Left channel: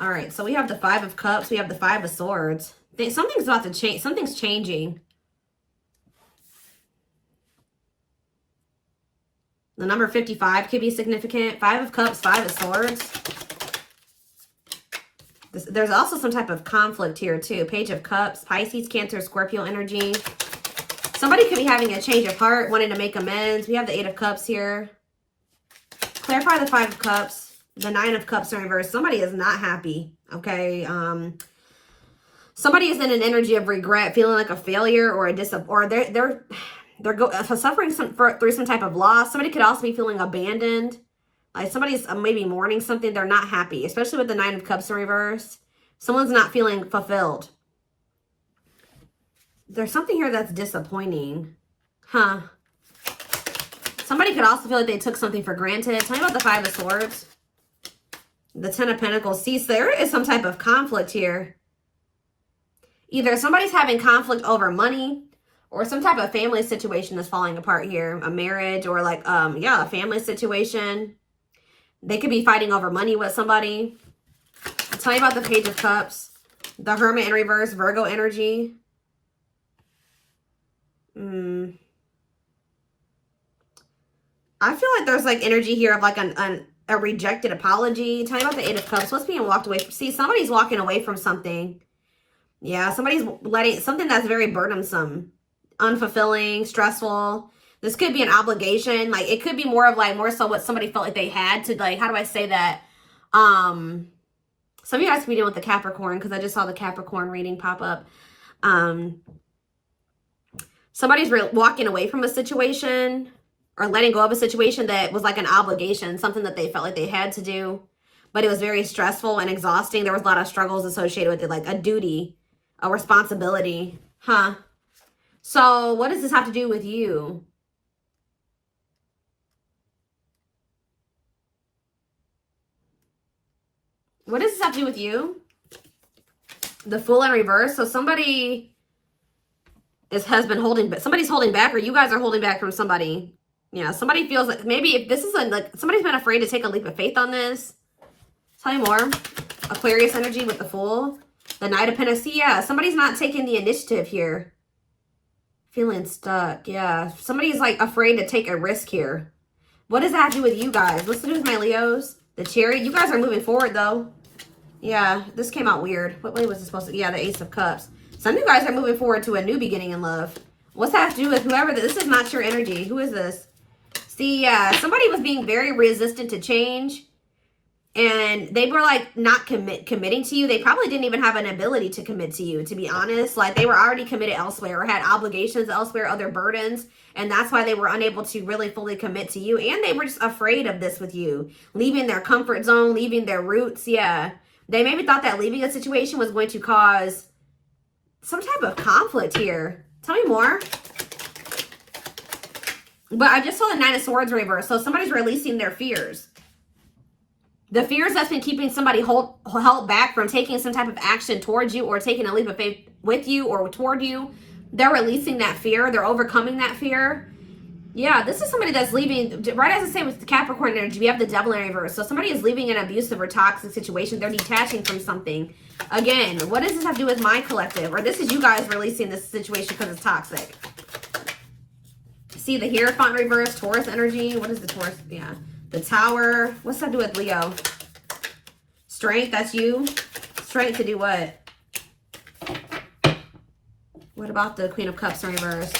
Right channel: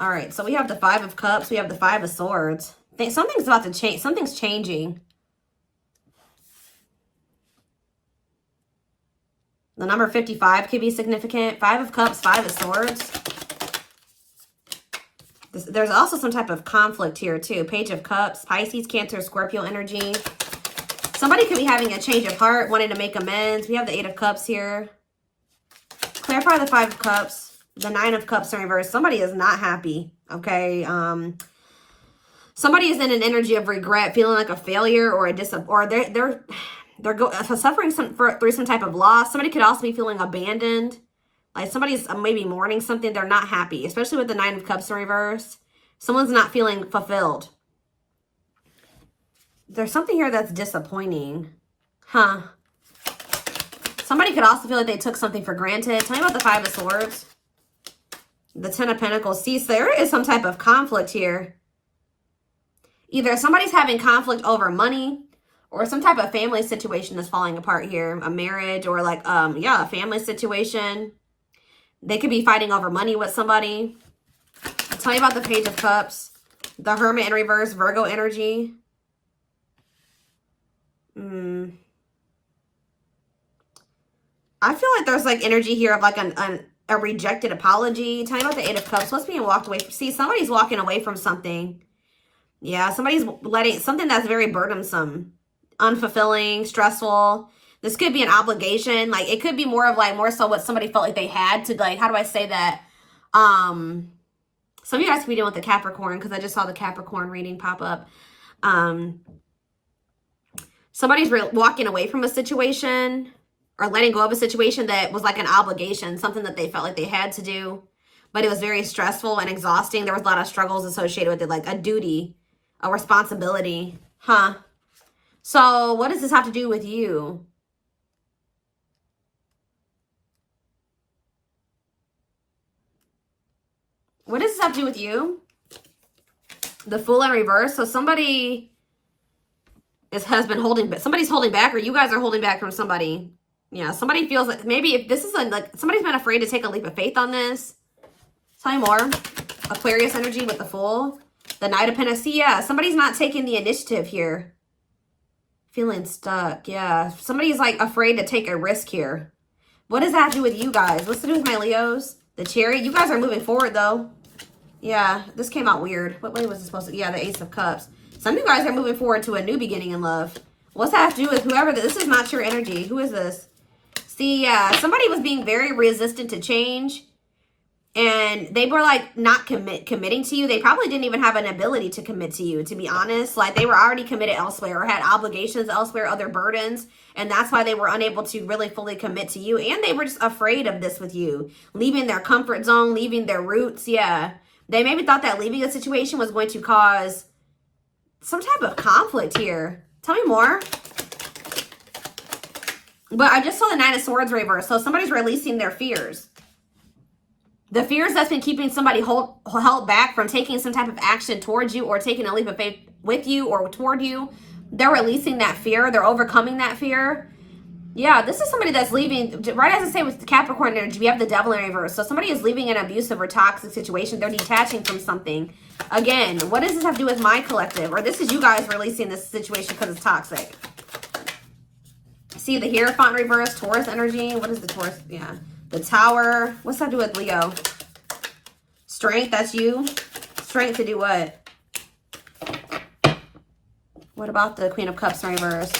All right, so we have the Five of Cups. We have the Five of Swords. Something's about to change. Something's changing. The number 55 could be significant. Five of Cups, Five of Swords. There's also some type of conflict here, too. Page of Cups, Pisces, Cancer, Scorpio energy. Somebody could be having a change of heart, wanting to make amends. We have the Eight of Cups here. Clarify the Five of Cups. The Nine of Cups in reverse. Somebody is not happy, okay? Somebody is in an energy of regret, feeling like a failure or they're suffering through some type of loss. Somebody could also be feeling abandoned. Like somebody's maybe mourning something. They're not happy, especially with the Nine of Cups in reverse. Someone's not feeling fulfilled. There's something here that's disappointing. Huh? Somebody could also feel like they took something for granted. Tell me about the Five of Swords. The Ten of Pentacles. See, so there is some type of conflict here. Either somebody's having conflict over money or some type of family situation is falling apart here. A marriage or like, a family situation. They could be fighting over money with somebody. Tell me about the Page of Cups. The Hermit in reverse, Virgo energy. I feel like there's like energy here of like a rejected apology. Tell me about the Eight of Cups. What's being walked away from? See, somebody's walking away from something. Yeah, somebody's letting something that's very burdensome, unfulfilling, stressful. This could be an obligation. Like it could be more so what somebody felt like they had to, like, how do I say that? Some of you guys could be dealing with the Capricorn because I just saw the Capricorn reading pop up. Somebody's walking away from a situation or letting go of a situation that was like an obligation, something that they felt like they had to do, but it was very stressful and exhausting. There was a lot of struggles associated with it, like a duty, a responsibility. Huh? So what does this have to do with you? What does this have to do with you? The Fool in reverse. So somebody somebody's holding back, or you guys are holding back from somebody. Yeah, somebody feels like maybe if this is like somebody's been afraid to take a leap of faith on this. Tell me more. Aquarius energy with the Fool. The Knight of Pentacles. Yeah, somebody's not taking the initiative here. Feeling stuck. Yeah, somebody's like afraid to take a risk here. What does that have to do with you guys? What's to do with my Leos? The Chariot. You guys are moving forward though. Yeah, this came out weird. What way was it supposed to? Yeah, the Ace of Cups. Some of you guys are moving forward to a new beginning in love. What's that have to do with whoever? This is not your energy. Who is this? See, somebody was being very resistant to change. And they were like not committing to you. They probably didn't even have an ability to commit to you, to be honest. Like they were already committed elsewhere or had obligations elsewhere, other burdens. And that's why they were unable to really fully commit to you. And they were just afraid of this with you. Leaving their comfort zone, leaving their roots. Yeah. They maybe thought that leaving a situation was going to cause some type of conflict here. Tell me more. But I just saw the Nine of Swords reverse. So somebody's releasing their fears. The fears that's been keeping somebody held back from taking some type of action towards you or taking a leap of faith with you or toward you. They're releasing that fear. They're overcoming that fear. Yeah, this is somebody that's leaving. Right as I say with the Capricorn energy, we have the Devil in reverse. So somebody is leaving an abusive or toxic situation. They're detaching from something. Again, what does this have to do with my collective? Or this is you guys releasing this situation because it's toxic. See the Hierophant reverse, Taurus energy. What is the Taurus? Yeah. The Tower. What's that to do with Leo? Strength, that's you. Strength to do what? What about the Queen of Cups in reverse?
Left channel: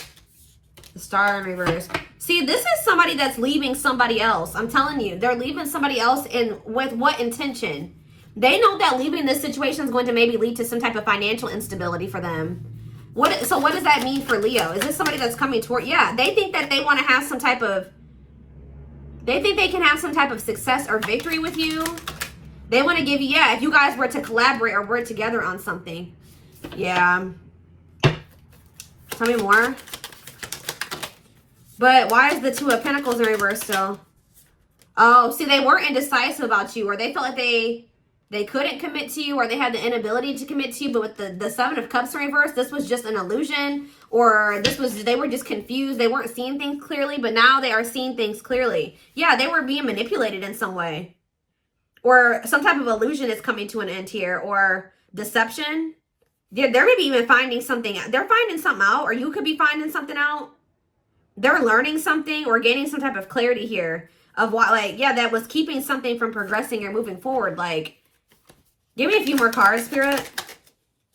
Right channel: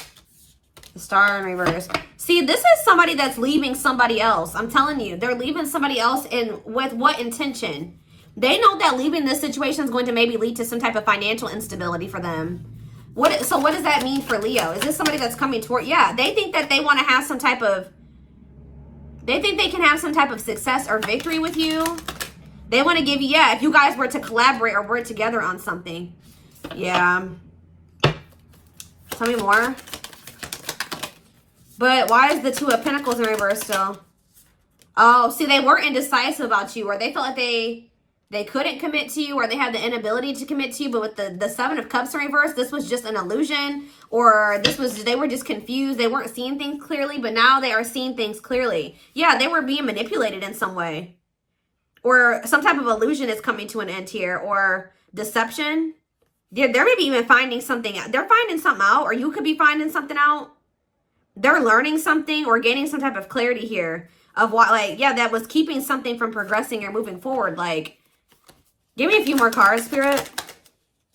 The Star in reverse. See, this is somebody that's leaving somebody else. I'm telling you, they're leaving somebody else with what intention? They know that leaving this situation is going to maybe lead to some type of financial instability for them. So what does that mean for Leo? Is this somebody that's coming toward? Yeah, they think that they want to have some type of, they think they can have some type of success or victory with you. They want to give you, yeah, if you guys were to collaborate or work together on something. Yeah. Tell me more. But why is the Two of Pentacles in reverse still? Oh, see, they were indecisive about you, or they felt like they couldn't commit to you, or they had the inability to commit to you. But with the Seven of Cups in reverse, this was just an illusion, or they were just confused. They weren't seeing things clearly, but now they are seeing things clearly. Yeah, they were being manipulated in some way. Or some type of illusion is coming to an end here, or deception. Yeah, they're maybe even finding something out. They're finding something out, or you could be finding something out. They're learning something or gaining some type of clarity here of what, like, yeah, that was keeping something from progressing or moving forward. Like, give me a few more cards, Spirit.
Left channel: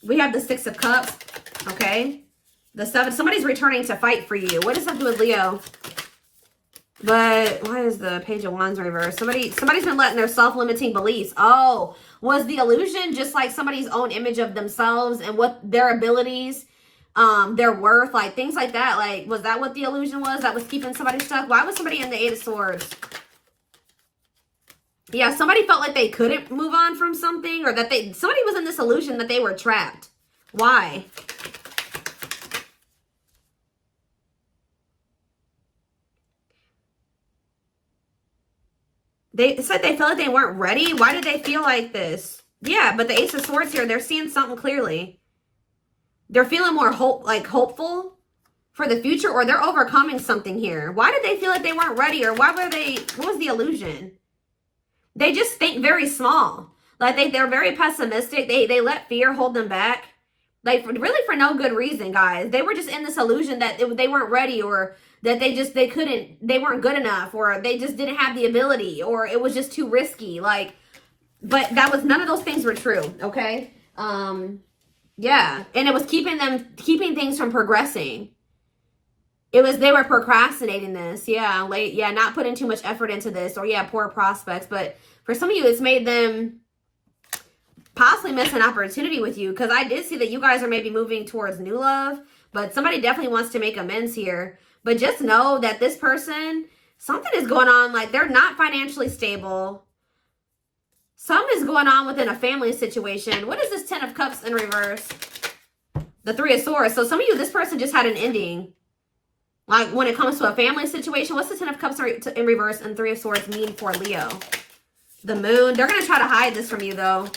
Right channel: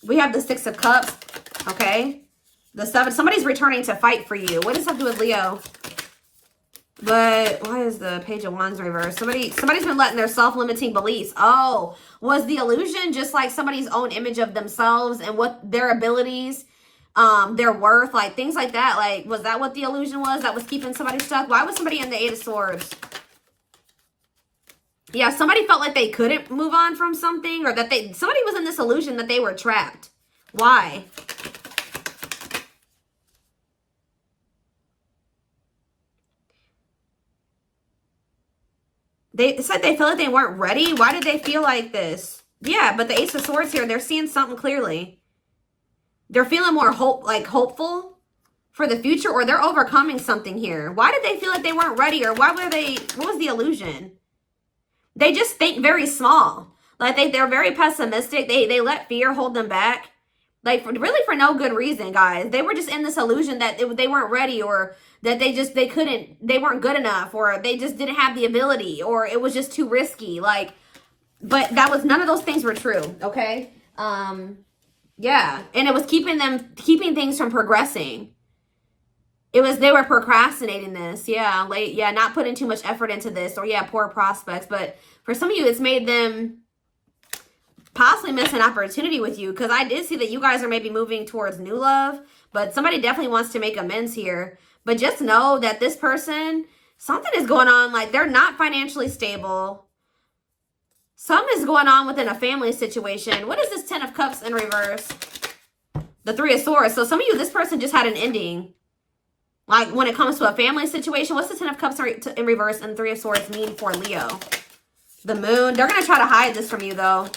We have the Six of Cups, okay? The Seven. Somebody's returning to fight for you. What does that do with Leo? But why is the Page of Wands reversed? Somebody's been letting their self-limiting beliefs. Oh, was the illusion just like somebody's own image of themselves and what their abilities, their worth, like things like that? Like, was that what the illusion was that was keeping somebody stuck? Why was somebody in the Eight of Swords? Yeah, somebody felt like they couldn't move on from something, or that somebody was in this illusion that they were trapped. Why? They said they felt like they weren't ready. Why did they feel like this? Yeah, but the Ace of Swords here, they're seeing something clearly. They're feeling more hopeful for the future, or they're overcoming something here. Why did they feel like they weren't ready, or what was the illusion? They just think very small. Like they're very pessimistic. They let fear hold them back. Like really for no good reason, guys. They were just in this illusion that they weren't ready, or that they weren't good enough, or they just didn't have the ability, or it was just too risky. Like, but none of those things were true, okay? Yeah, and it was keeping things from progressing. They were procrastinating this, yeah, not putting too much effort into this, or yeah, poor prospects. But for some of you, it's made them possibly miss an opportunity with you, because I did see that you guys are maybe moving towards new love, but somebody definitely wants to make amends here. But just know that this person, something is going on. Like, they're not financially stable. Something is going on within a family situation. What is this Ten of Cups in reverse? The Three of Swords. So some of you, this person just had an ending. Like, when it comes to a family situation, what's the Ten of Cups in reverse and Three of Swords mean for Leo? The Moon. They're going to try to hide this from you, though.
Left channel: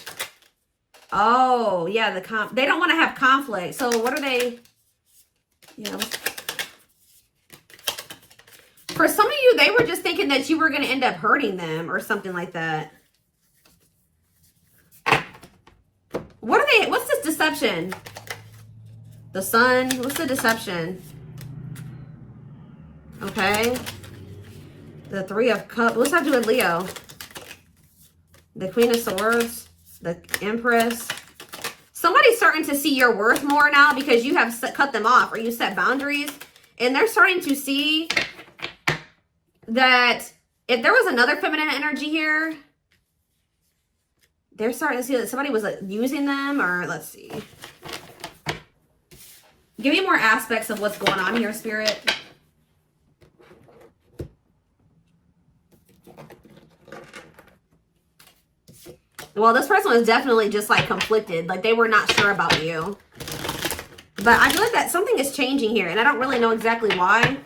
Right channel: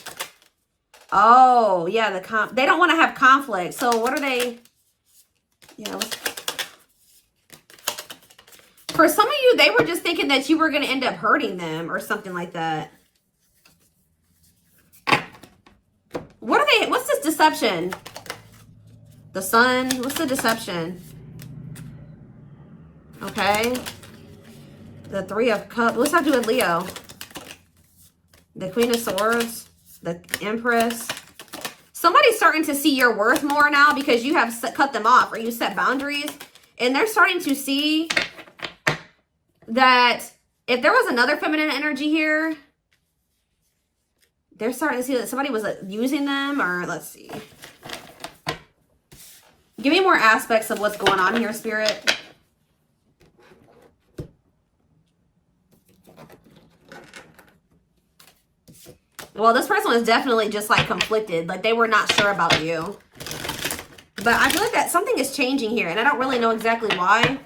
Oh, yeah, they don't want to have conflict. So what are they? Yeah. For some of you, they were just thinking that you were going to end up hurting them or something like that. What's this deception? The Sun. What's the deception? Okay. The Three of Cups. What's that doing with Leo? The Queen of Swords. The Empress. Somebody's starting to see your worth more now because you have cut them off, or you set boundaries. And they're starting to see that if there was another feminine energy here, they're starting to see that somebody was using them, or let's see. Give me more aspects of what's going on here, Spirit. Well, this person was definitely just like conflicted. Like they were not sure about you. But I feel like that something is changing here, and I don't really know exactly why.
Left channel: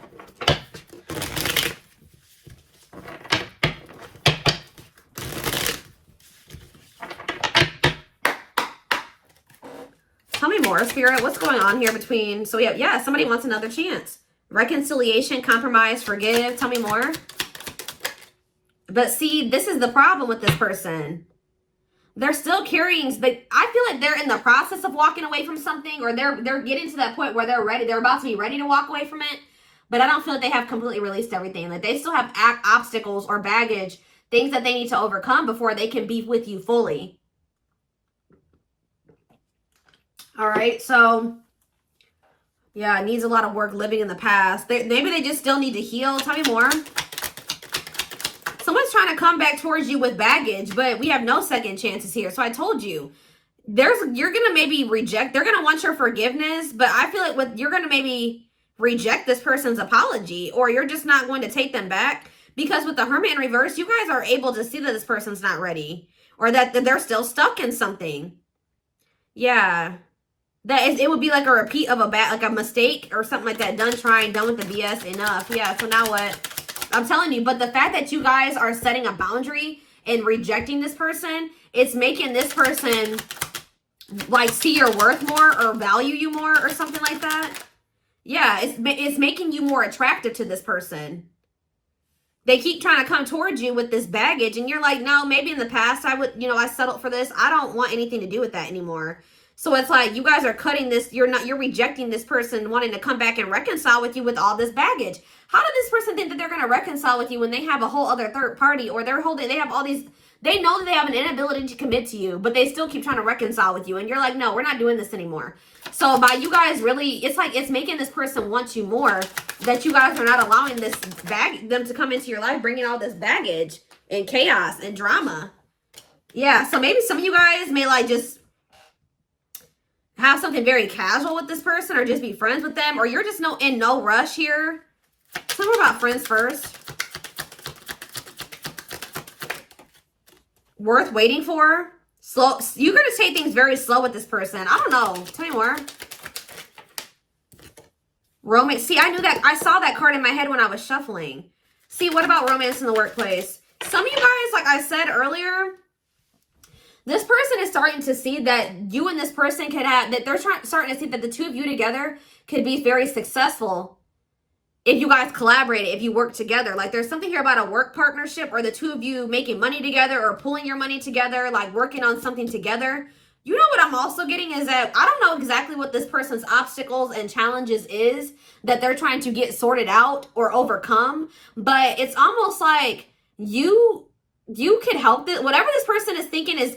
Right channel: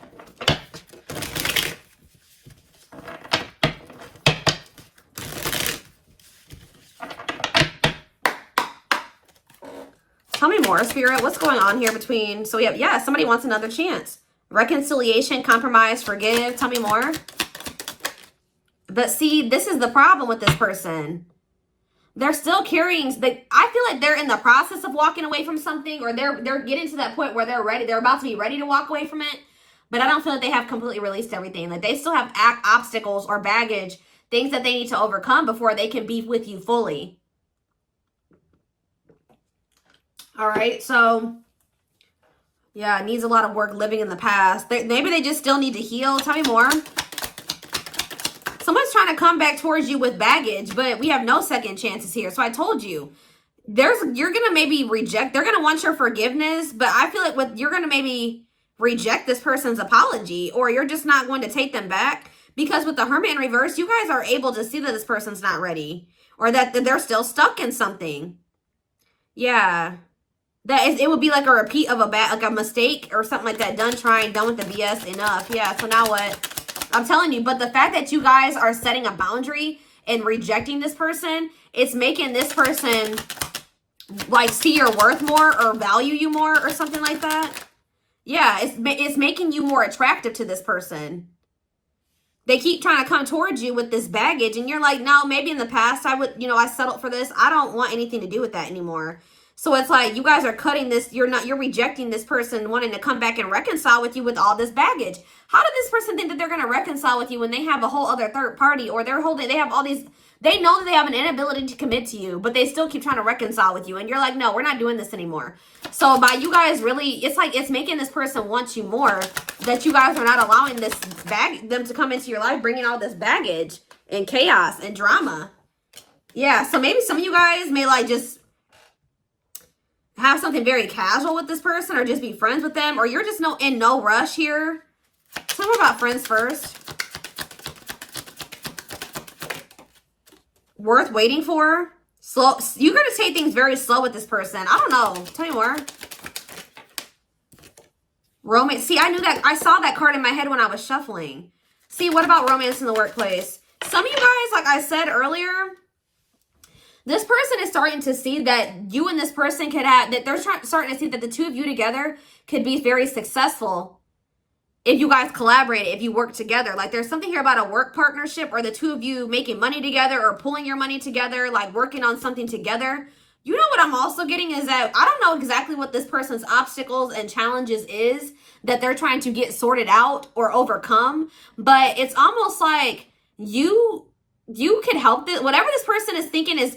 Tell me more, Spirit. What's going on here between... So, yeah, somebody wants another chance. Reconciliation, compromise, forgive. Tell me more. But see, this is the problem with this person. They're still carrying... I feel like they're in the process of walking away from something, or they're getting to that point where they're ready. They're about to be ready to walk away from it. But I don't feel like they have completely released everything. Like, they still have obstacles or baggage, things that they need to overcome before they can be with you fully. All right, so, yeah, it needs a lot of work living in the past. Maybe they just still need to heal. Tell me more. Someone's trying to come back towards you with baggage, but we have no second chances here. So I told you, you're going to maybe reject. They're going to want your forgiveness, but I feel like you're going to maybe reject this person's apology, or you're just not going to take them back. Because with the Hermit in reverse, you guys are able to see that this person's not ready, or that they're still stuck in something. Yeah. It would be like a repeat of a mistake or something like that. Done trying, done with the BS, enough. Yeah, so now what? I'm telling you, but the fact that you guys are setting a boundary and rejecting this person, it's making this person like see your worth more or value you more or something like that. Yeah, it's making you more attractive to this person. they keep trying to come towards you with this baggage, and you're like, no, maybe in the past I would, you know, I settled for this. I don't want anything to do with that anymore. So it's like you guys are cutting this. You're rejecting this person wanting to come back and reconcile with you with all this baggage. How did this person think that they're going to reconcile with you when they have a whole other third party, or they have all these, they know that they have an inability to commit to you, but they still keep trying to reconcile with you. And you're like, no, we're not doing this anymore. So by you guys really, it's like, it's making this person want you more, that you guys are not allowing them to come into your life, bringing all this baggage and chaos and drama. Yeah. So maybe some of you guys may like just have something very casual with this person, or just be friends with them, or you're just in no rush here. Tell me about friends first. Worth waiting for. Slow. You're going to take things very slow with this person. I don't know. Tell me more. Romance. See, I knew that. I saw that card in my head when I was shuffling. See, what about romance in the workplace? Some of you guys, like I said earlier, this person is starting to see that you and this person could have, that they're starting to see that the two of you together could be very successful if you guys collaborate, if you work together. Like there's something here about a work partnership, or the two of you making money together, or pooling your money together, like working on something together. You know what I'm also getting is that I don't know exactly what this person's obstacles and challenges is that they're trying to get sorted out or overcome, but it's almost like you can help this. Whatever this person is thinking is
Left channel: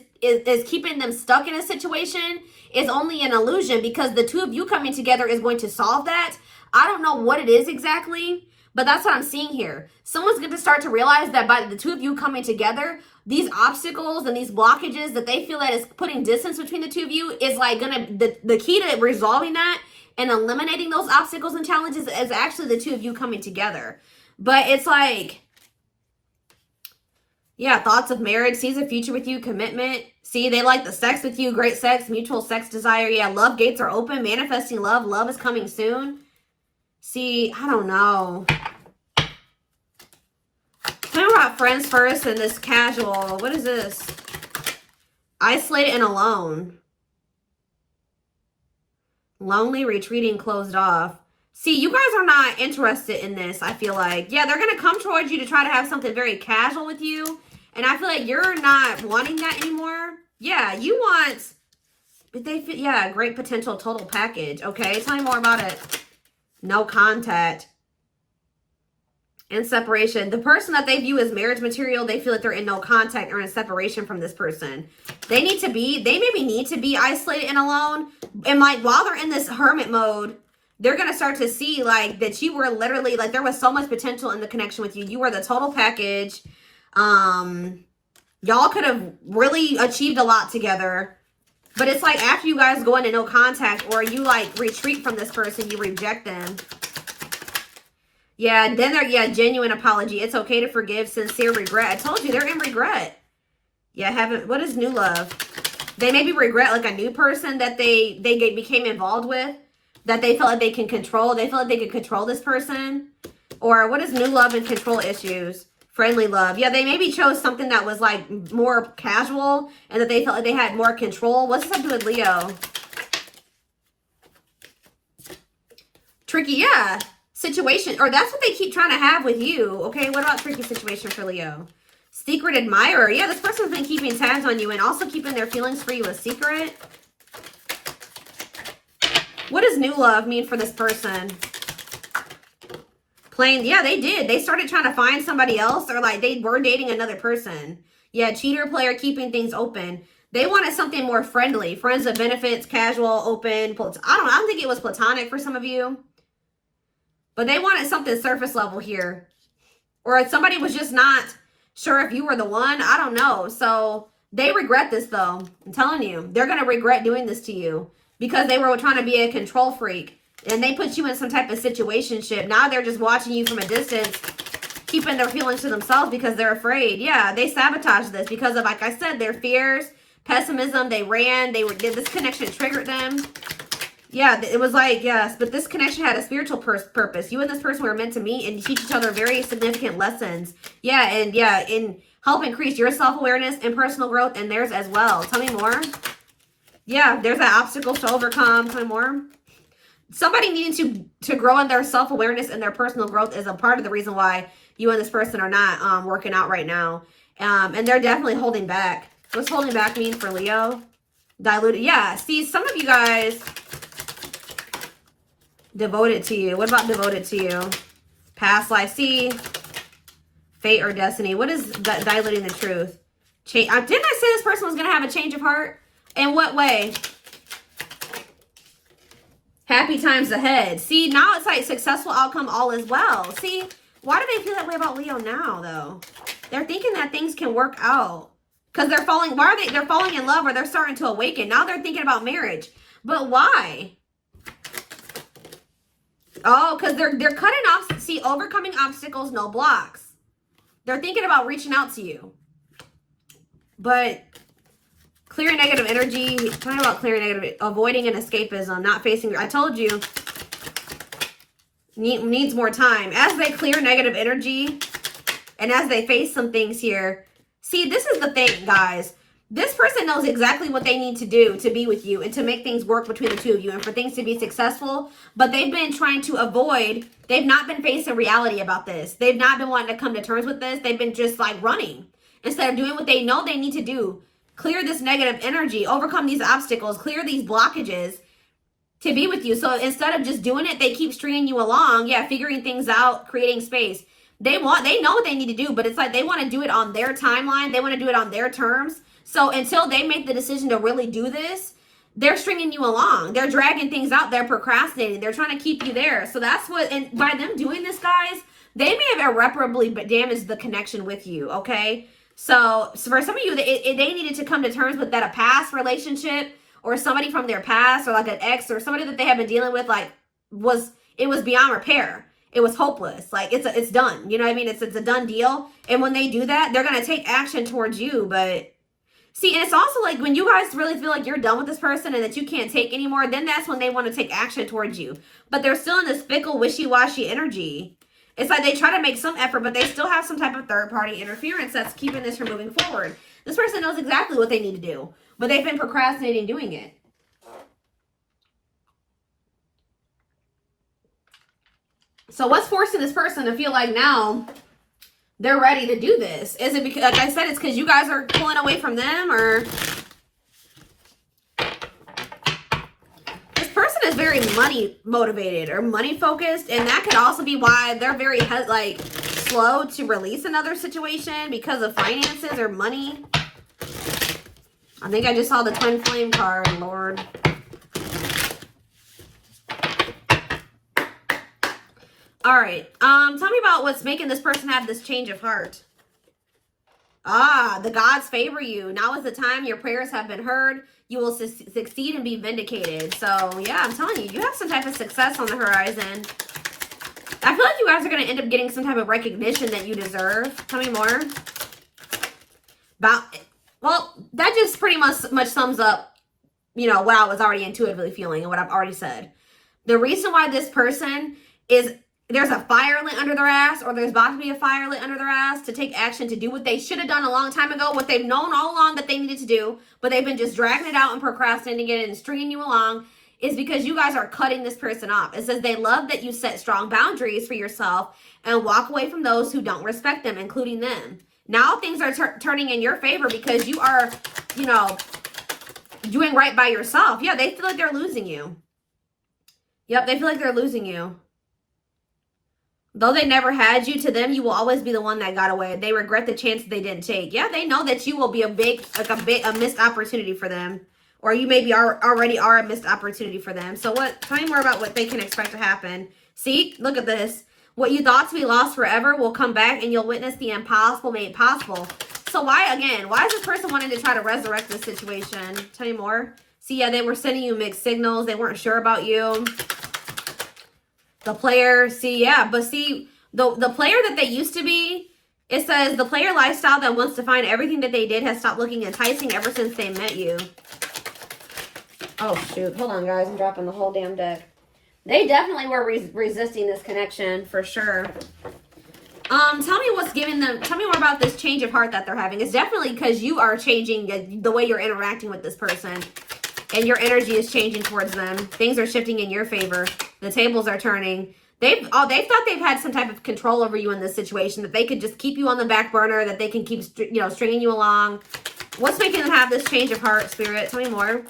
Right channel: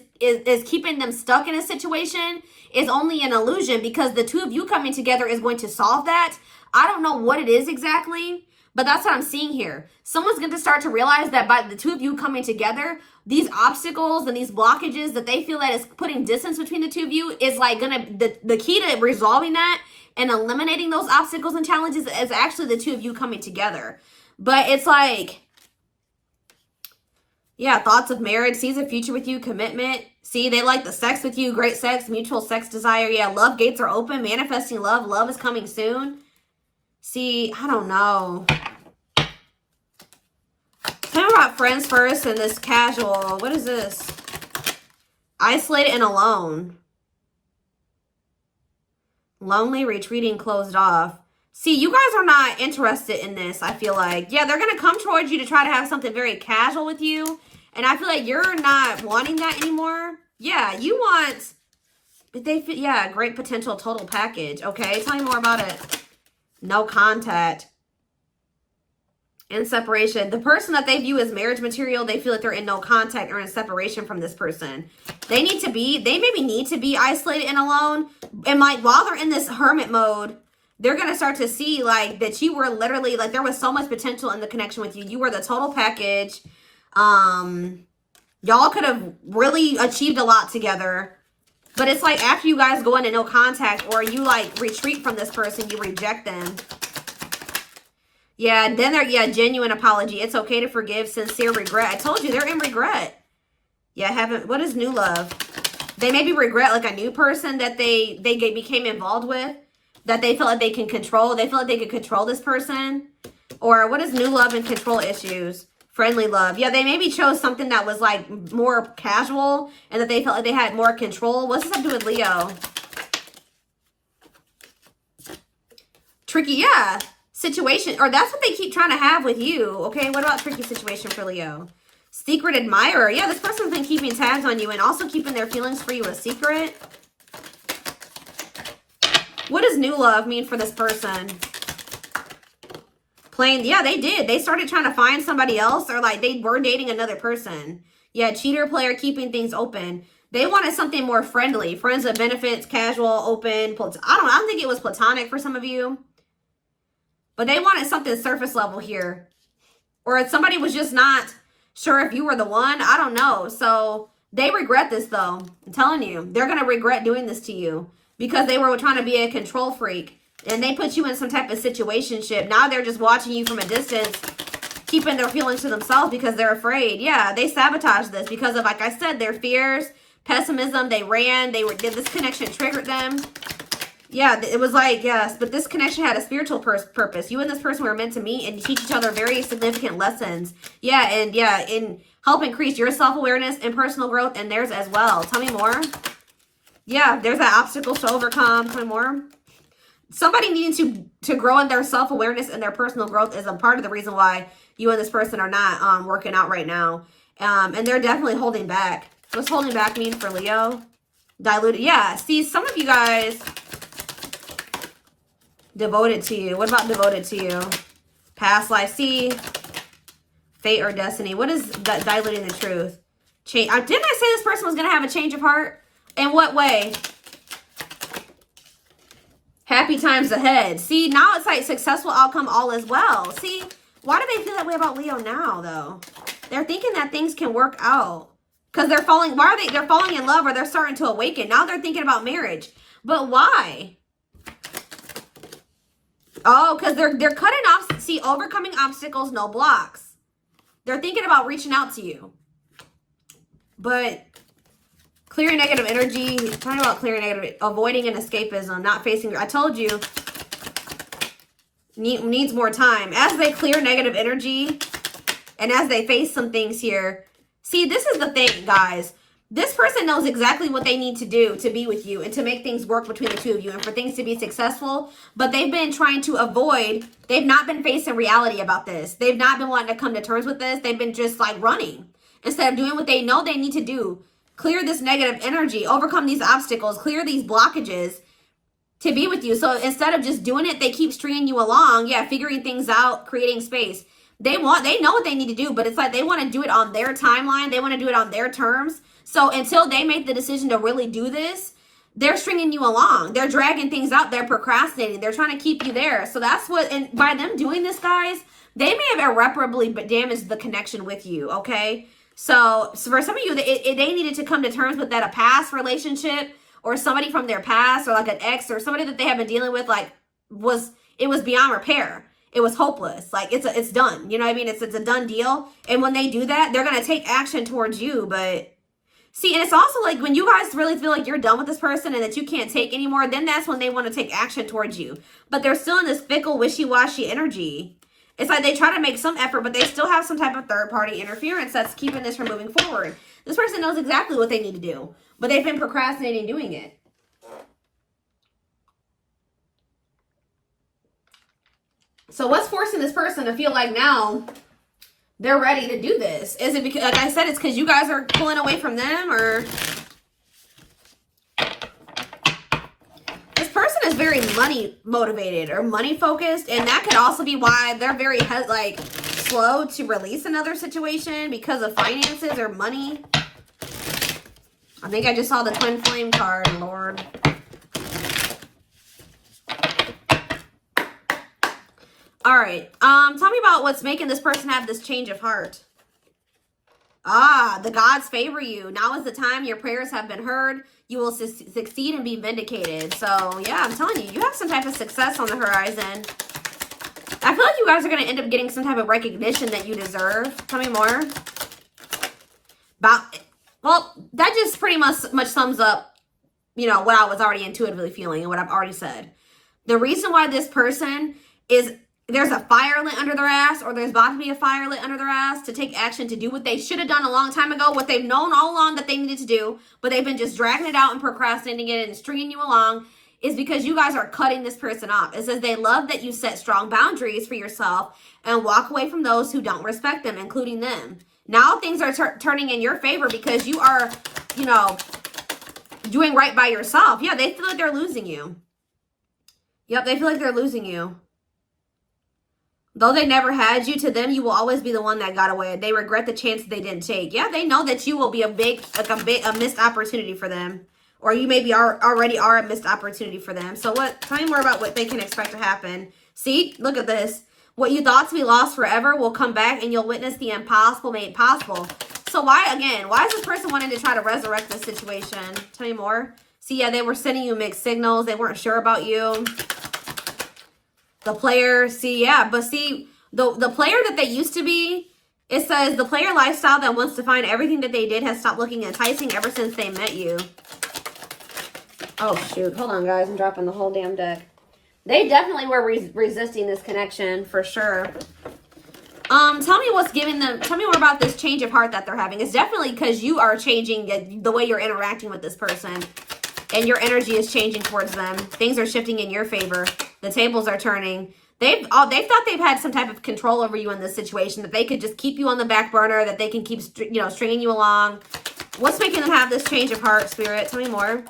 keeping them stuck in a situation is only an illusion, because the two of you coming together is going to solve that. I don't know what it is exactly, but that's what I'm seeing here. Someone's going to start to realize that by the two of you coming together, these obstacles and these blockages that they feel that is putting distance between the two of you is like the key to resolving that and eliminating those obstacles and challenges is actually the two of you coming together. But it's like, yeah, thoughts of marriage, sees a future with you, commitment. See, they like the sex with you, great sex, mutual sex desire. Yeah, love gates are open, manifesting love. Love is coming soon. See, I don't know. Tell me about friends first and this casual. What is this? Isolated and alone. Lonely, retreating, closed off. See, you guys are not interested in this, I feel like. Yeah, they're going to come towards you to try to have something very casual with you. And I feel like you're not wanting that anymore. Yeah, you want, yeah, great potential total package. Okay, tell me more about it. No contact. In separation. The person that they view as marriage material, they feel like they're in no contact or in separation from this person. They maybe need to be isolated and alone. And like while they're in this hermit mode, they're going to start to see like that you were literally, like there was so much potential in the connection with you. You were the total package. Y'all could have really achieved a lot together. But it's like after you guys go into no contact, or you like retreat from this person, you reject them. Yeah, then they're, yeah, genuine apology. It's okay to forgive, sincere regret. I told you, they're in regret. Yeah, what is new love? They maybe regret like a new person that they became involved with, that they feel like they can control. They feel like they can control this person. Or what is new love and control issues? Friendly love. Yeah, they maybe chose something that was like more casual and that they felt like they had more control. What's this have to do with Leo? Tricky, yeah. Situation, or that's what they keep trying to have with you. Okay, what about tricky situation for Leo? Secret admirer. Yeah, this person's been keeping tabs on you and also keeping their feelings for you a secret. What does new love mean for this person? Plain, yeah, they did. They started trying to find somebody else, or like they were dating another person. Yeah, cheater, player, keeping things open. They wanted something more friendly. Friends with benefits, casual, open. I don't know. I don't think it was platonic for some of you. But they wanted something surface level here. Or somebody was just not sure if you were the one. I don't know. So they regret this though. I'm telling you. They're going to regret doing this to you. Because they were trying to be a control freak. And they put you in some type of situationship. Now they're just watching you from a distance. Keeping their feelings to themselves because they're afraid. Yeah, they sabotaged this. Because of, like I said, their fears, pessimism. They ran. This connection triggered them. Yeah, it was like, yes, but this connection had a spiritual purpose. You and this person were meant to meet and teach each other very significant lessons. Yeah, and help increase your self-awareness and personal growth and theirs as well. Tell me more. Yeah, there's an obstacle to overcome. Tell me more. somebody needing to grow in their self-awareness and their personal growth is a part of the reason why you and this person are not working out right now. And they're definitely holding back. What's holding back mean for Leo? Diluted. Yeah, see, some of you guys devoted to you. What about devoted to you? Past life. See, fate or destiny. What is that diluting the truth? Didn't I say this person was going to have a change of heart? In what way? Happy times ahead. See, now it's like successful outcome, all is well. See, why do they feel that way about Leo now, though? They're thinking that things can work out. Because they're falling, why are they? They're falling in love or they're starting to awaken. Now they're thinking about marriage. But why? Oh, because they're cutting off, see, overcoming obstacles, no blocks. They're thinking about reaching out to you. But clearing negative energy, talking about clearing negative, avoiding an escapism, not facing, I told you, needs more time. As they clear negative energy and as they face some things here, see, this is the thing, guys. This person knows exactly what they need to do to be with you and to make things work between the two of you and for things to be successful. But they've been trying to avoid, they've not been facing reality about this. They've not been wanting to come to terms with this. They've been just like running instead of doing what they know they need to do. Clear this negative energy, overcome these obstacles, clear these blockages to be with you. So instead of just doing it, they keep stringing you along. Yeah, figuring things out, creating space. They know what they need to do, but it's like they want to do it on their timeline. They want to do it on their terms. So until they make the decision to really do this, they're stringing you along. They're dragging things out. They're procrastinating. They're trying to keep you there. So that's what, and by them doing this, guys, they may have irreparably damaged the connection with you, okay? So for some of you, they needed to come to terms with that a past relationship or somebody from their past or like an ex or somebody that they have been dealing with, like, it was beyond repair. It was hopeless. Like, it's done. You know what I mean? It's a done deal. And when they do that, they're going to take action towards you. But see, and it's also like when you guys really feel like you're done with this person and that you can't take anymore, then that's when they want to take action towards you. But they're still in this fickle, wishy-washy energy. It's like they try to make some effort, but they still have some type of third-party interference that's keeping this from moving forward. This person knows exactly what they need to do, but they've been procrastinating doing it. So what's forcing this person to feel like now they're ready to do this? Is it because, like I said, it's because you guys are pulling away from them, or this person is very money motivated or money focused, and that could also be why they're very like slow to release another situation because of finances or money. I think I just saw the twin flame card, Lord. All right. Tell me about what's making this person have this change of heart. Ah, the gods favor you. Now is the time. Your prayers have been heard. You will succeed and be vindicated. So, yeah, I'm telling you, you have some type of success on the horizon. I feel like you guys are going to end up getting some type of recognition that you deserve. Tell me more. Well, that just pretty much sums up, you know, what I was already intuitively feeling and what I've already said. The reason why this person is... there's a fire lit under their ass, or there's about to be a fire lit under their ass to take action to do what they should have done a long time ago, what they've known all along that they needed to do, but they've been just dragging it out and procrastinating it and stringing you along, is because you guys are cutting this person off. It says they love that you set strong boundaries for yourself and walk away from those who don't respect them, including them. Now things are turning in your favor because you are, you know, doing right by yourself. Yeah, they feel like they're losing you. Yep, they feel like they're losing you. Though they never had you, to them, you will always be the one that got away. They regret the chances they didn't take. Yeah, they know that you will be a missed opportunity for them. Or you maybe already are a missed opportunity for them. So tell me more about what they can expect to happen. See, look at this. What you thought to be lost forever will come back and you'll witness the impossible made possible. So why is this person wanting to try to resurrect this situation? Tell me more. See, yeah, they were sending you mixed signals. They weren't sure about you. The player, see, yeah, but see, the player that they used to be, it says the player lifestyle that wants to find everything that they did has stopped looking enticing ever since they met you. Oh, shoot. Hold on, guys. I'm dropping the whole damn deck. They definitely were resisting this connection, for sure. Tell me what's giving them, tell me more about this change of heart that they're having. It's definitely because you are changing the way you're interacting with this person. And your energy is changing towards them. Things are shifting in your favor. The tables are turning. They've thought they've had some type of control over you in this situation, that they could just keep you on the back burner, that they can keep, you know, stringing you along. What's making them have this change of heart, Spirit? Tell me more.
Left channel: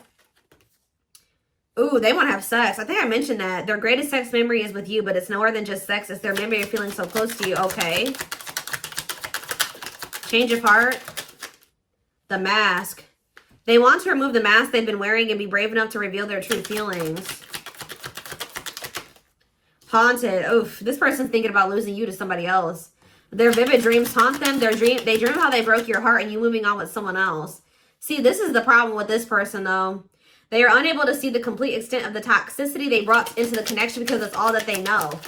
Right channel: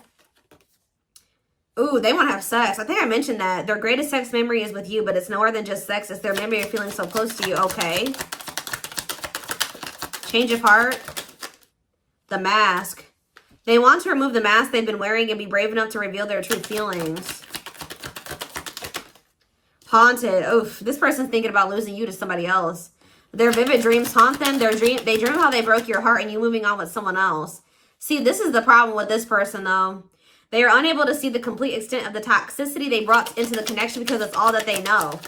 Ooh, they want to have sex. I think I mentioned that. Their greatest sex memory is with you, but it's more than just sex. It's their memory of feeling so close to you. Okay. Change of heart. The mask. They want to remove the mask they've been wearing and be brave enough to reveal their true feelings. Haunted. Oof, this person's thinking about losing you to somebody else. Their vivid dreams haunt them. They dream how they broke your heart and you moving on with someone else. See, this is the problem with this person, though. They are unable to see the complete extent of the toxicity they brought into the connection because it's all that they know.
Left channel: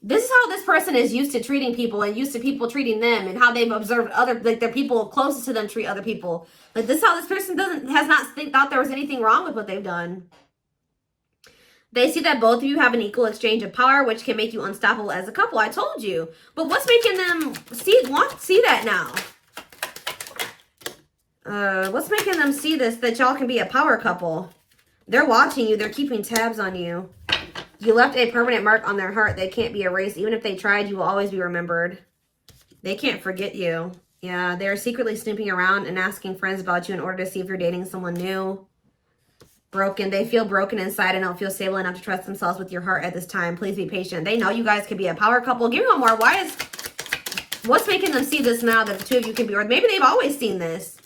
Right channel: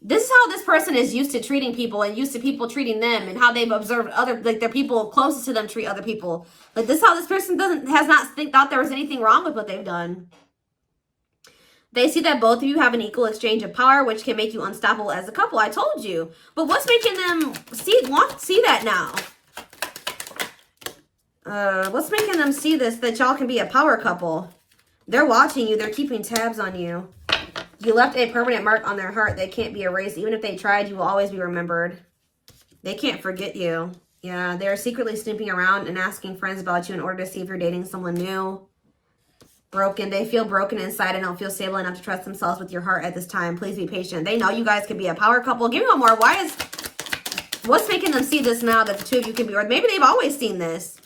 This is how this person is used to treating people and used to people treating them, and how they've observed other, like, their people closest to them treat other people. But this is how this person has not thought there was anything wrong with what they've done. They see that both of you have an equal exchange of power, which can make you unstoppable as a couple. I told you. But what's making them see that now? What's making them see this, that y'all can be a power couple? They're watching you. They're keeping tabs on you. You left a permanent mark on their heart. They can't be erased. Even if they tried, you will always be remembered. They can't forget you. Yeah, they're secretly snooping around and asking friends about you in order to see if you're dating someone new. Broken. They feel broken inside and don't feel stable enough to trust themselves with your heart at this time. Please be patient. They know you guys could be a power couple. Give me one more. What's making them see this now that the two of you can be, or maybe they've always seen this.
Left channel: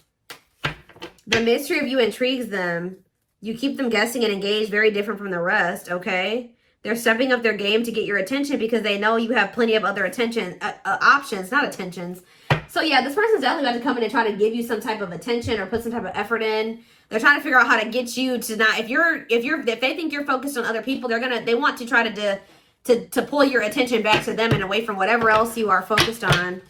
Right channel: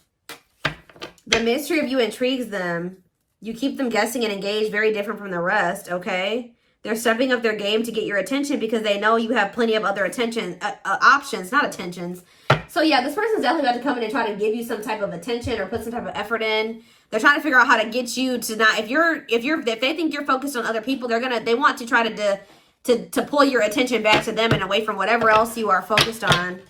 The mystery of you intrigues them. You keep them guessing and engaged, very different from the rest, okay? They're stepping up their game to get your attention because they know you have plenty of other options, not attentions. So yeah, this person's definitely about to come in and try to give you some type of attention or put some type of effort in. They're trying to figure out how to get you to not, if they think you're focused on other people, they want to try to pull your attention back to them and away from whatever else you are focused on.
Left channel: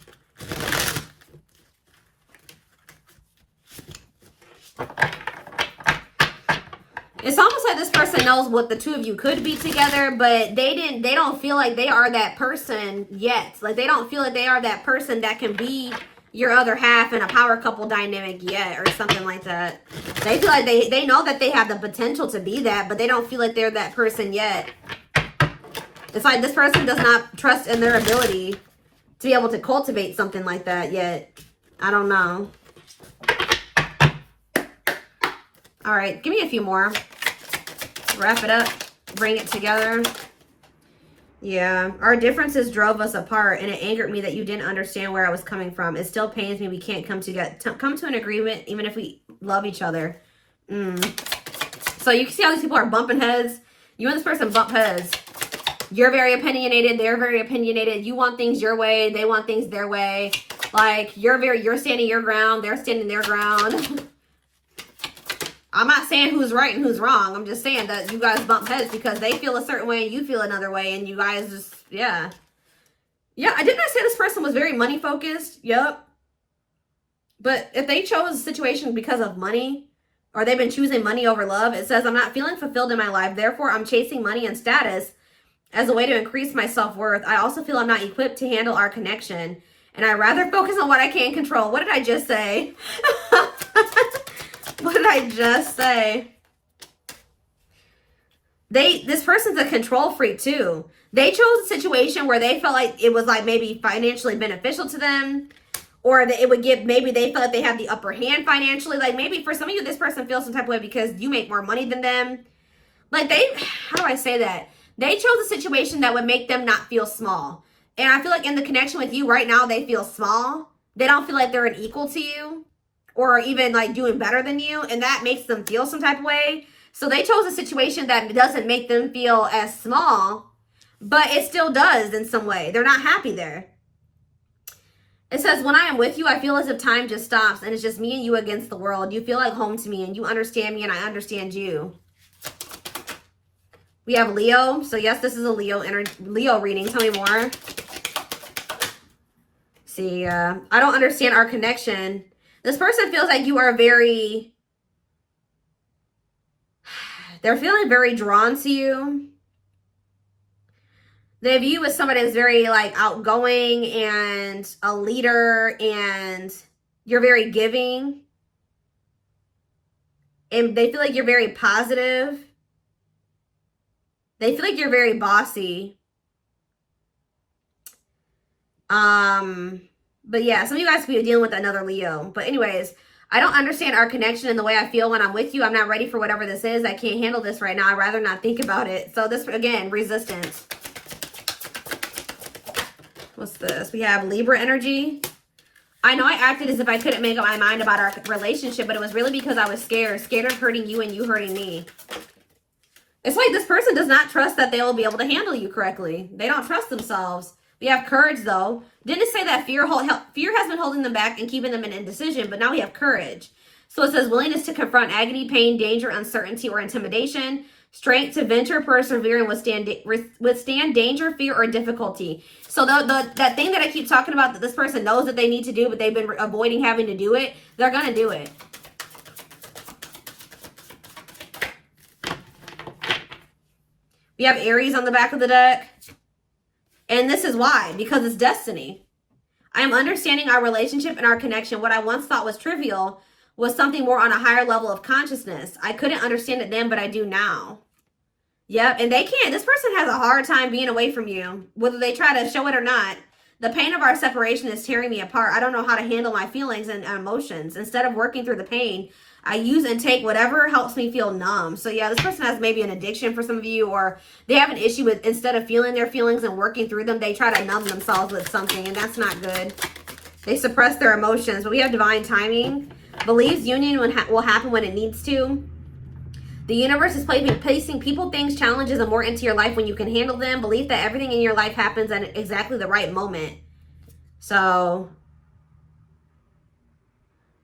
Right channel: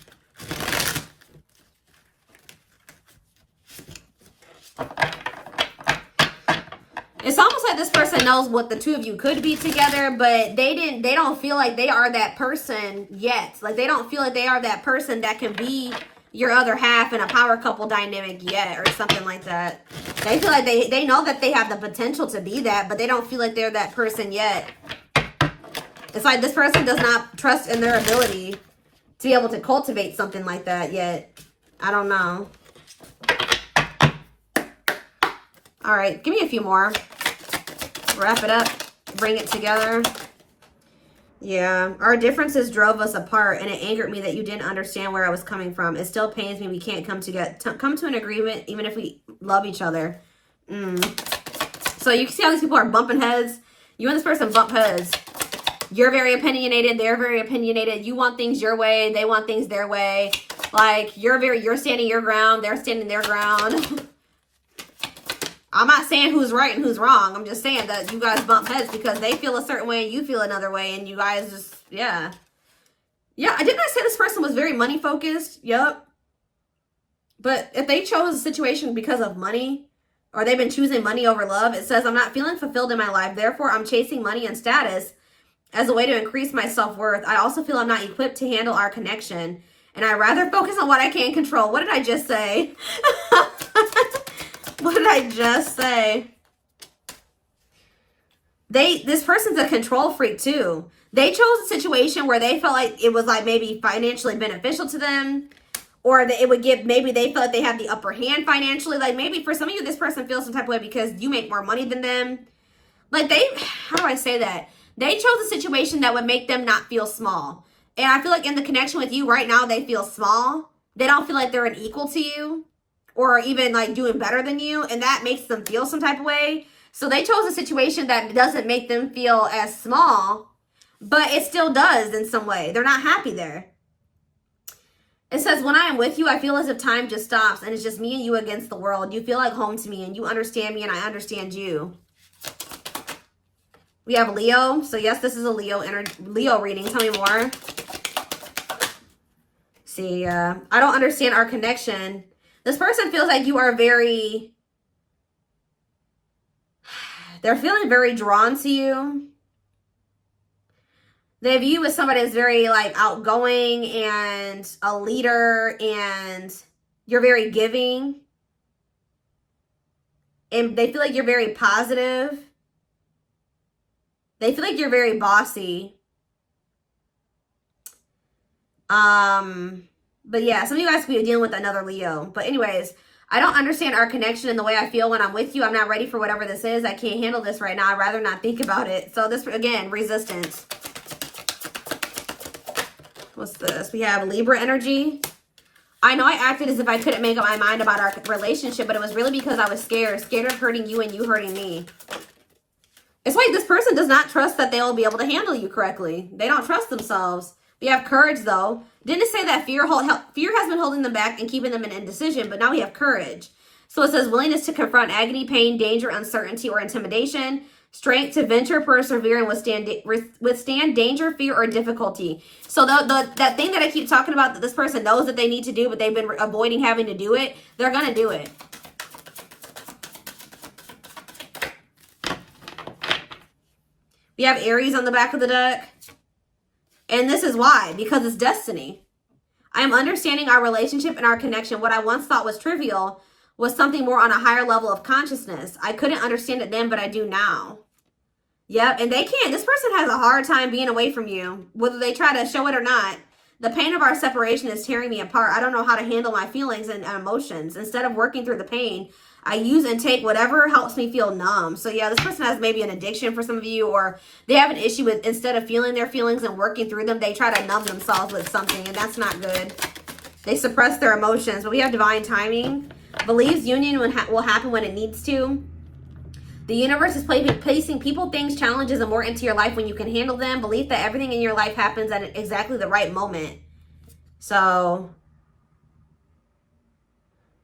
It's almost like this person knows what the two of you could be together, but they don't feel like they are that person yet. Like, they don't feel like they are that person that can be your other half in a power couple dynamic yet, or something like that. They feel like they know that they have the potential to be that, but they don't feel like they're that person yet. It's like this person does not trust in their ability to be able to cultivate something like that yet. I don't know. All right, give me a few more. Wrap it up. Bring it together. Yeah, our differences drove us apart, and it angered me that you didn't understand where I was coming from. It still pains me we can't come to an agreement, even if we love each other. So you can see how these people are bumping heads. You and this person bump heads. You're very opinionated. They're very opinionated. You want things your way. They want things their way. Like, you're standing your ground. They're standing their ground. I'm not saying who's right and who's wrong. I'm just saying that you guys bump heads because they feel a certain way and you feel another way, and you guys just, yeah. Yeah, I didn't say this person was very money focused. Yep. But if they chose a situation because of money, or they've been choosing money over love, it says, I'm not feeling fulfilled in my life. Therefore, I'm chasing money and status as a way to increase my self-worth. I also feel I'm not equipped to handle our connection, and I'd rather focus on what I can control. What did I just say? What did I just say? This person's a control freak too. They chose a situation where they felt like it was like maybe financially beneficial to them, or that it would give, maybe they felt like they had the upper hand financially. Like, maybe for some of you, this person feels some type of way because you make more money than them. Like, how do I say that? They chose a situation that would make them not feel small. And I feel like in the connection with you right now, they feel small. They don't feel like they're an equal to you, or even like doing better than you, and that makes them feel some type of way. So they chose a situation that doesn't make them feel as small, but it still does in some way. They're not happy there. It says, when I am with you, I feel as if time just stops and it's just me and you against the world. You feel like home to me and you understand me and I understand you. We have Leo. So yes, this is a Leo reading. Tell me more. See, I don't understand our connection. This person feels like you are they're feeling very drawn to you. They view you as somebody that's very like outgoing and a leader, and you're very giving. And they feel like you're very positive. They feel like you're very bossy. But yeah, some of you guys could be dealing with another Leo. But anyways, I don't understand our connection and the way I feel when I'm with you. I'm not ready for whatever this is. I can't handle this right now. I'd rather not think about it. So this, again, resistance. What's this? We have Libra energy. I know I acted as if I couldn't make up my mind about our relationship, but it was really because I was scared. Scared of hurting you and you hurting me. It's like this person does not trust that they'll be able to handle you correctly. They don't trust themselves. We have courage, though. Didn't say that fear has been holding them back and keeping them in indecision, but now we have courage. So it says willingness to confront agony, pain, danger, uncertainty, or intimidation. Strength to venture, persevere, and withstand danger, fear, or difficulty. So that thing that I keep talking about that this person knows that they need to do, but they've been avoiding having to do it, they're going to do it. We have Aries on the back of the deck. And this is why, because it's destiny. I'm understanding our relationship and our connection. What I once thought was trivial was something more on a higher level of consciousness. I couldn't understand it then, but I do now. Yep, and they can't. This person has a hard time being away from you, whether they try to show it or not. The pain of our separation is tearing me apart. I don't know how to handle my feelings and emotions. Instead of working through the pain, I use and take whatever helps me feel numb. So yeah, this person has maybe an addiction for some of you, or they have an issue with, instead of feeling their feelings and working through them, they try to numb themselves with something, and that's not good. They suppress their emotions, but we have divine timing. Believes union will happen when it needs to. The universe is placing people, things, challenges, and more into your life when you can handle them. Believe that everything in your life happens at exactly the right moment. So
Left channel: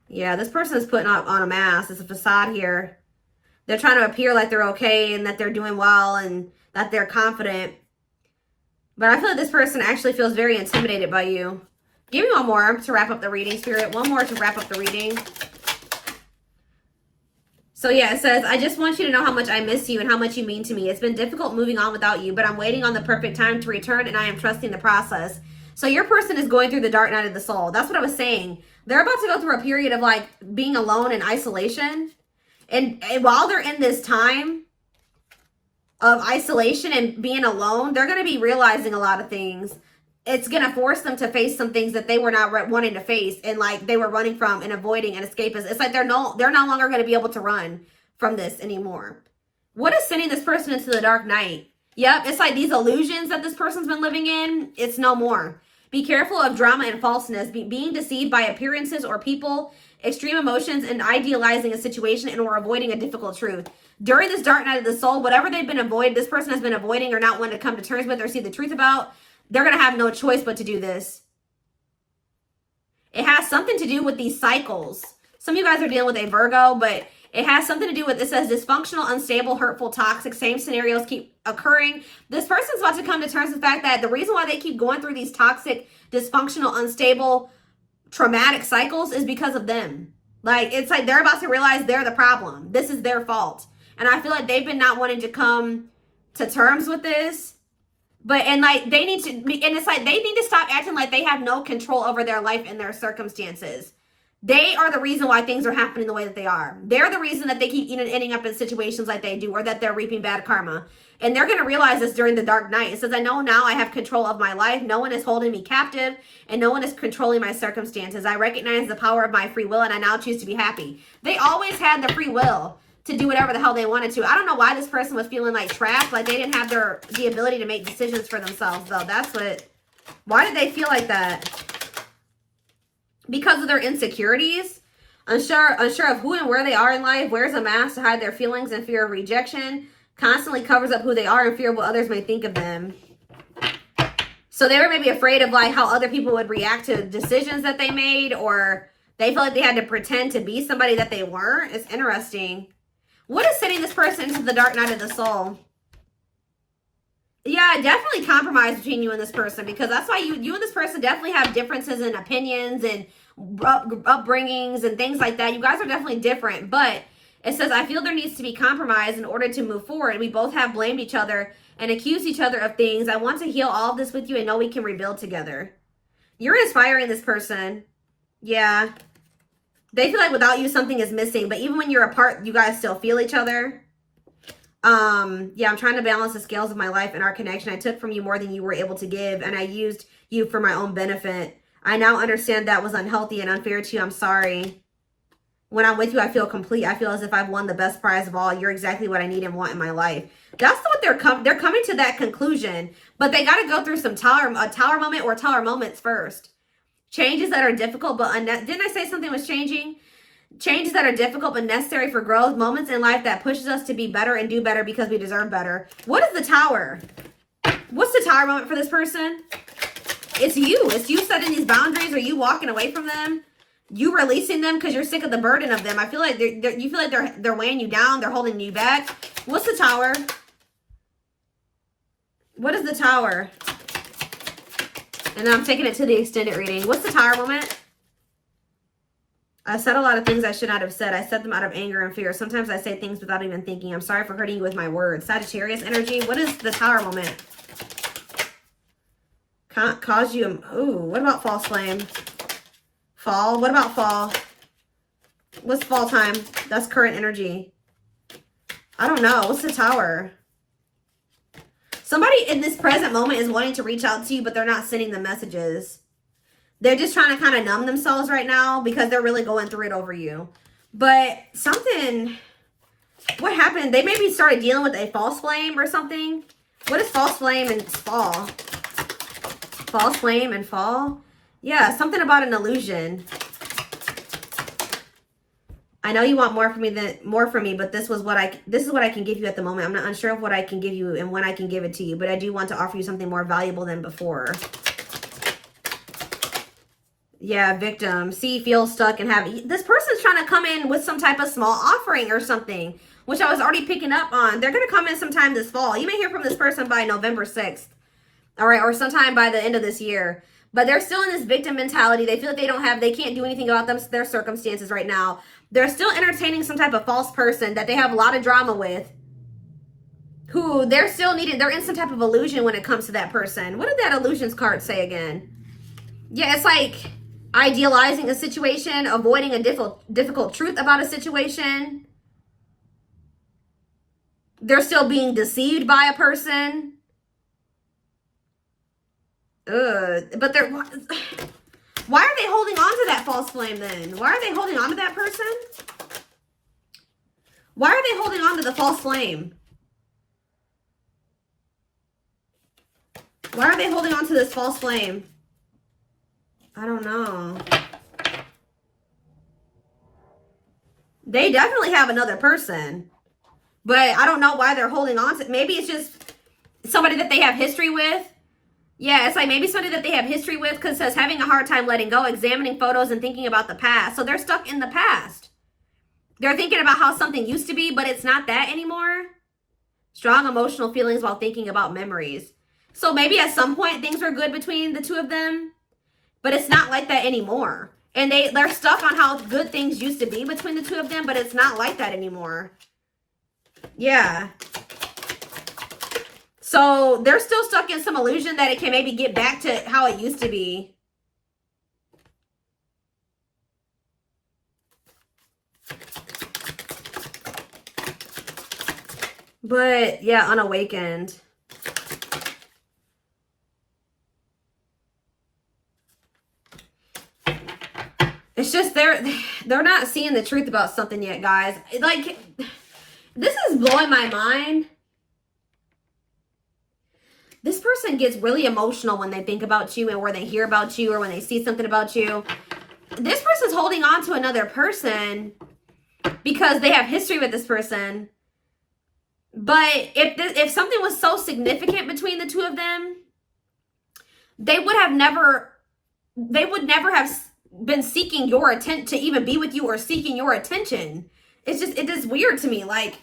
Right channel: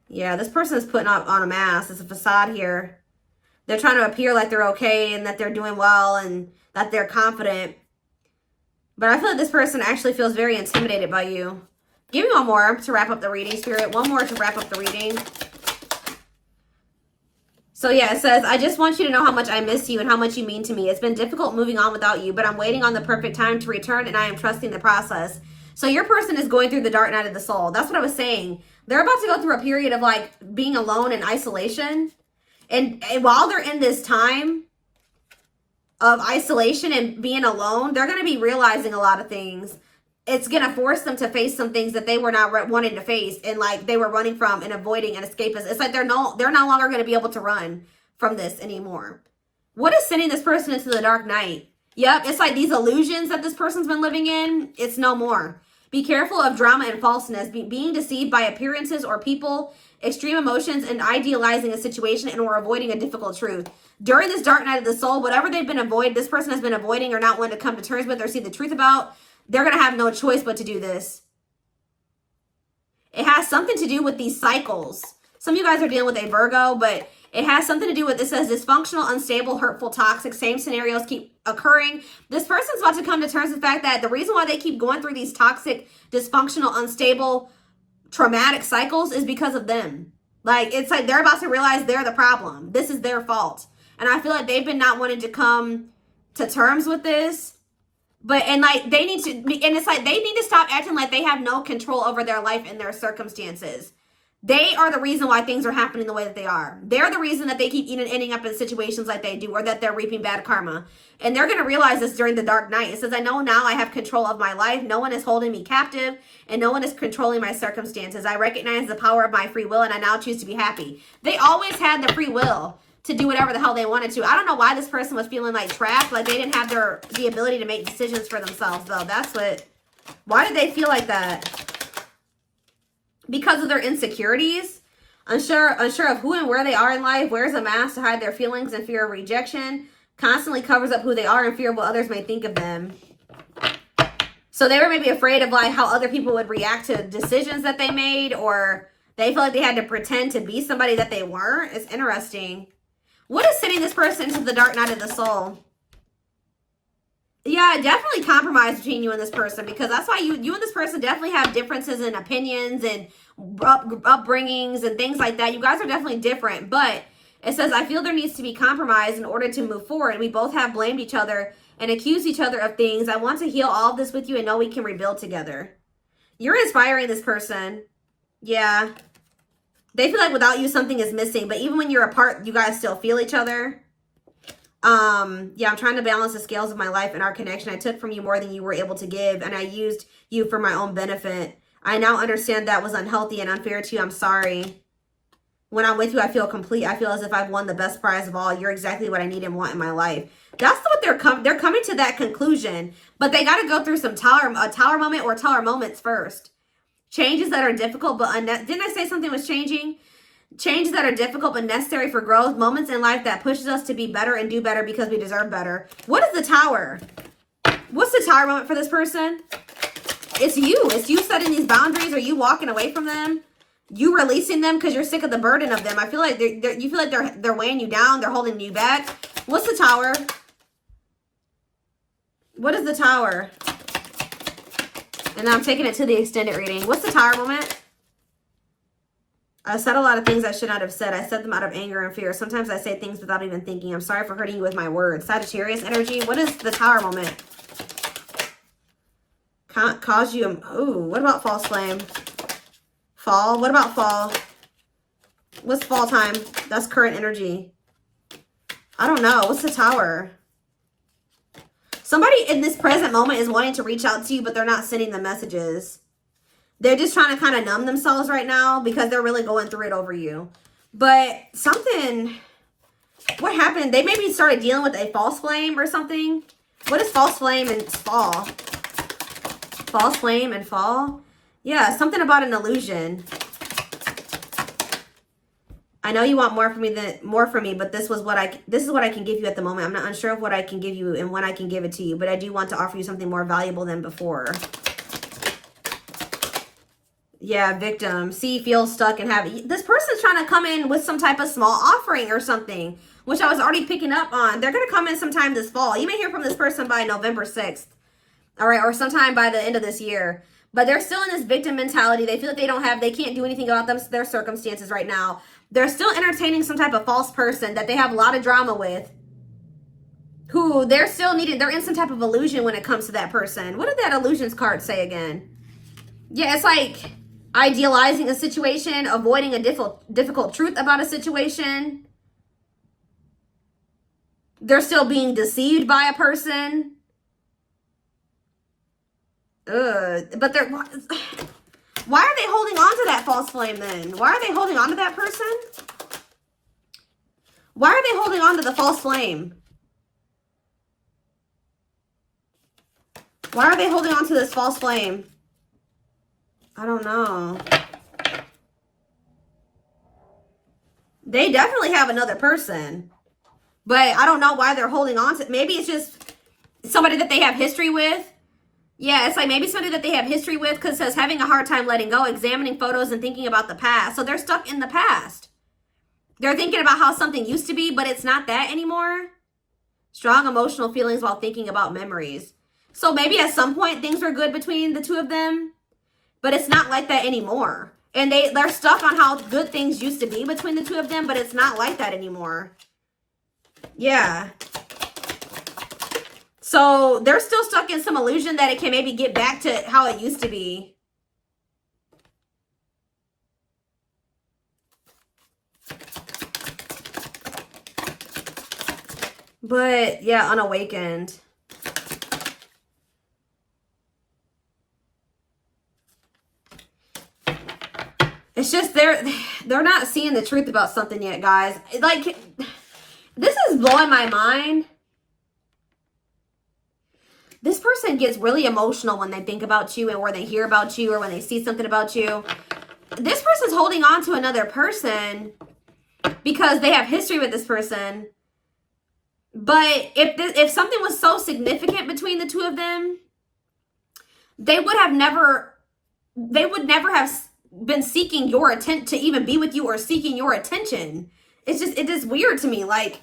yeah, this person is putting on a mask. It's a facade here. They're trying to appear like they're okay and that they're doing well and that they're confident. But I feel like this person actually feels very intimidated by you. Give me one more to wrap up the reading, Spirit. One more to wrap up the reading. So yeah, it says, I just want you to know how much I miss you and how much you mean to me. It's been difficult moving on without you, but I'm waiting on the perfect time to return, and I am trusting the process. So your person is going through the dark night of the soul. That's what I was saying. They're about to go through a period of like being alone and isolation. And while they're in this time of isolation and being alone, they're going to be realizing a lot of things. It's going to force them to face some things that they were not wanting to face, and like they were running from and avoiding and escaping. It's like they're no longer going to be able to run from this anymore. What is sending this person into the dark night? Yep, it's like these illusions that this person's been living in, it's no more. Be careful of drama and falseness, being deceived by appearances or people, extreme emotions, and idealizing a situation and or avoiding a difficult truth. During this dark night of the soul, whatever they've been avoiding, this person has been avoiding or not wanting to come to terms with or see the truth about, they're going to have no choice but to do this. It has something to do with these cycles. Some of you guys are dealing with a Virgo, but it has something to do with, it says dysfunctional, unstable, hurtful, toxic, same scenarios keep occurring. This person's about to come to terms with the fact that the reason why they keep going through these toxic, dysfunctional, unstable, traumatic cycles is because of them. Like, it's like they're about to realize they're the problem. This is their fault. And I feel like they've been not wanting to come to terms with this. But, and like, they need to be, and it's like, they need to stop acting like they have no control over their life and their circumstances. They are the reason why things are happening the way that they are. They're the reason that they keep ending up in situations like they do, or that they're reaping bad karma. And they're going to realize this during the dark night. It says, I know now I have control of my life. No one is holding me captive, and no one is controlling my circumstances. I recognize the power of my free will, and I now choose to be happy. They always had the free will to do whatever the hell they wanted to. I don't know why this person was feeling like trapped, like they didn't have the ability to make decisions for themselves, though. That's what, why did they feel like that? Because of their insecurities, unsure of who and where they are in life, wears a mask to hide their feelings and fear of rejection, constantly covers up who they are in fear of what others may think of them. So they were maybe afraid of like how other people would react to decisions that they made, or they feel like they had to pretend to be somebody that they weren't. It's interesting. What is sending this person into the dark night of the soul? Yeah, definitely compromise between you and this person, because that's why you and this person definitely have differences in opinions and upbringings and things like that. You guys are definitely different, but it says, I feel there needs to be compromise in order to move forward. We both have blamed each other and accused each other of things. I want to heal all of this with you and know we can rebuild together. You're inspiring this person. Yeah. They feel like without you, something is missing, but even when you're apart, you guys still feel each other. Yeah, I'm trying to balance the scales of my life and our connection. I took from you more than you were able to give, and I used you for my own benefit. I now understand that was unhealthy and unfair to you. I'm sorry. When I'm with you, I feel complete. I feel as if I've won the best prize of all. You're exactly what I need and want in my life. That's what they're coming to that conclusion, but they got to go through some a tower moment or tower moments first. Changes that are difficult, but didn't I say something was changing? Changes that are difficult but necessary for growth. Moments in life that pushes us to be better and do better because we deserve better. What is the tower? What's the tower moment for this person? It's you. It's you setting these boundaries, or you walking away from them. You releasing them because you're sick of the burden of them. I feel like you feel like they're weighing you down. They're holding you back. What's the tower? What is the tower? And I'm taking it to the extended reading. What's the tower moment? I said a lot of things I should not have said. I said them out of anger and fear. Sometimes I say things without even thinking. I'm sorry for hurting you with my words. Sagittarius energy. What is the tower moment? Can't cause you. Ooh, what about false flame? Fall. What about fall? What's fall time? That's current energy. I don't know. What's the tower? Somebody in this present moment is wanting to reach out to you, but they're not sending the messages. They're just trying to kind of numb themselves right now because they're really going through it over you. But something, what happened? They maybe started dealing with a false flame or something. What is false flame and fall? False flame and fall? Yeah, something about an illusion. I know you want more from me, but this is what I can give you at the moment. I'm not unsure of what I can give you and when I can give it to you, but I do want to offer you something more valuable than before. Yeah, victim. See, feel stuck and have... This person's trying to come in with some type of small offering or something, which I was already picking up on. They're going to come in sometime this fall. You may hear from this person by November 6th. All right, or sometime by the end of this year. But they're still in this victim mentality. They feel like they can't do anything about their circumstances right now. They're still entertaining some type of false person that they have a lot of drama with. Who they're in some type of illusion when it comes to that person. What did that illusions card say again? Yeah, it's like idealizing a situation, avoiding a difficult truth about a situation. They're still being deceived by a person. But they're... Why are they holding on to that false flame then? Why are they holding on to that person? Why are they holding on to the false flame? Why are they holding on to this false flame? I don't know. They definitely have another person. But I don't know why they're holding on to it. Maybe it's just somebody that they have history with. Yeah, it's like maybe somebody that they have history with, because it says having a hard time letting go, examining photos and thinking about the past. So they're stuck in the past. They're thinking about how something used to be, but it's not that anymore. Strong emotional feelings while thinking about memories. So maybe at some point things are good between the two of them, but it's not like that anymore. And they're stuck on how good things used to be between the two of them, but it's not like that anymore. Yeah. So they're still stuck in some illusion that it can maybe get back to how it used to be. But yeah, unawakened. It's just they're not seeing the truth about something yet, guys. Like, this is blowing my mind. This person gets really emotional when they think about you and when they hear about you or when they see something about you. This person's holding on to another person because they have history with this person. But if something was so significant between the two of them, they would never have been seeking your attention to even be with you or seeking your attention. It is weird to me. Like,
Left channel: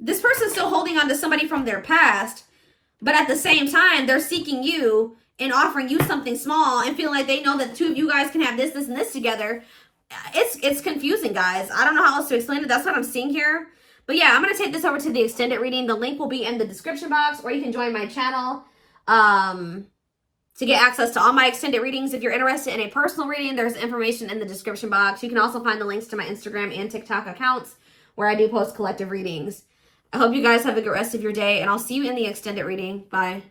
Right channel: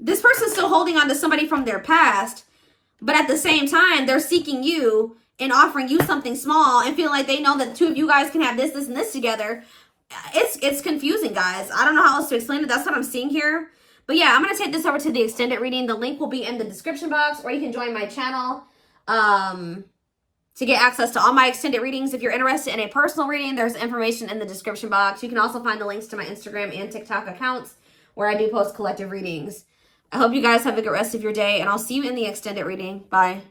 this person's still holding on to somebody from their past, but at the same time, they're seeking you and offering you something small and feeling like they know that the two of you guys can have this, this, and this together. It's confusing, guys. I don't know how else to explain it. That's what I'm seeing here. But yeah, I'm going to take this over to the extended reading. The link will be in the description box, or you can join my channel to get access to all my extended readings. If you're interested in a personal reading, there's information in the description box. You can also find the links to my Instagram and TikTok accounts where I do post collective readings. I hope you guys have a good rest of your day, and I'll see you in the extended reading. Bye.